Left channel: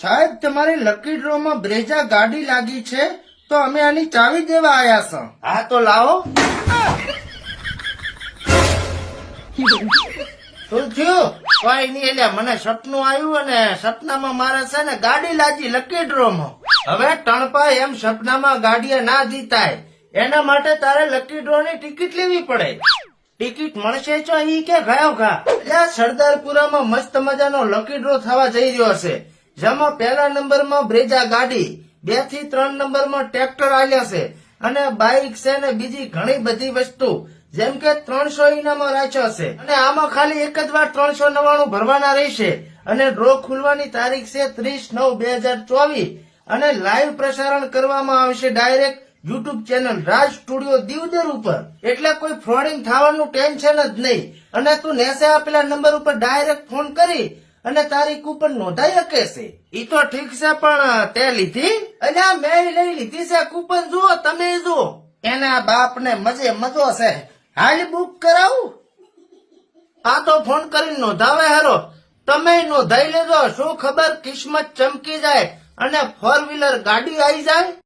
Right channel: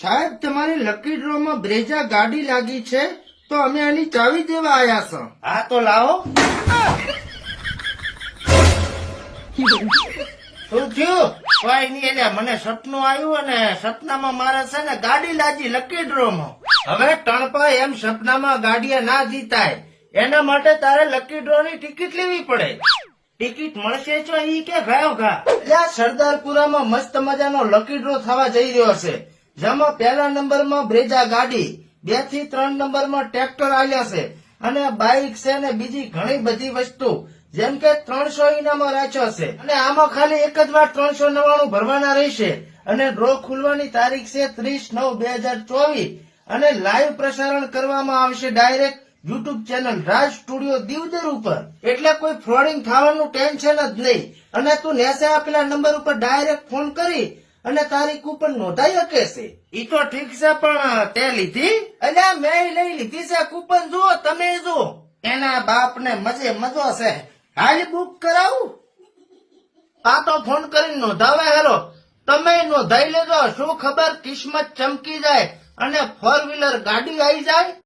સાહેબ, તમારી lucky draw માં બ્રેજા ગાડી લાગી છે, તો અમે આની ચાવી દેવા આયા છો. હા, તો લાવો. શું થયું? મને સપનું આવ્યું અને સપનામાં મારે છે ને ગાડી લાગી લકી ડ્રો માં. હવે ટણપા એમ સપનામાં ગાડીએ ના જીતાય. એના માટે તારે લકી ડ્રો ની ટિકિટ લેવી પડે. ટિકિટ મળશે છો ઈ કે ગયો ઘા. એટલે આ સરદારપુરામાં મસ્ત મજાનો લકી ડ્રો થવા જઈ રહ્યો છે. જેમાં પહેલા નંબરમાં બ્રેજા ગાડી, બેથી ત્રણ નંબરમાં ટ્રેક્ટર આવ્યા છે. અને બાઇક છે ને બીજી ઘણી બધી વસ્તુ, જેમ કે ત્રણસો ઇનામો રાખ્યો છે. અને આમાં ખાલી એક જ વાર ત્રણસો નવાણું ભરવાના રહેશે. અને ડ્રો ખુલવાની તારીખ છે ત્રીસ નવ બે હજાર ચોવીસ. અને લાઈવ પ્રસારણ કરવામાં આવશે direct YouTube channel Raj studio Deodar ઉપર. એટલે કોઈ ફ્રોડિંગ થવાનું ટેન્શન જ નહીં. અને તું નેસે આપેલા નંબર ઉપર ડાયરેક્ટ ફોન કરી અને તારી કૂપન નોંધાઈ શકે છે. ઈ તો ઠીક છે પણ તે લીધી? અલ્યા મેં લઈ લીધી છે કૂપન જુઓ તમે જુઓ. એના બાપ ને મજે મજો છે. હાલ બુક કરાવું? આ તો ફોન કરીને નોંધાવે હેરો તમે નોંધાઈ લેજો શું ખબર કિસ્મત ચમકી જાય અને ફોર વ્હીલર ગાડી આવી જાય?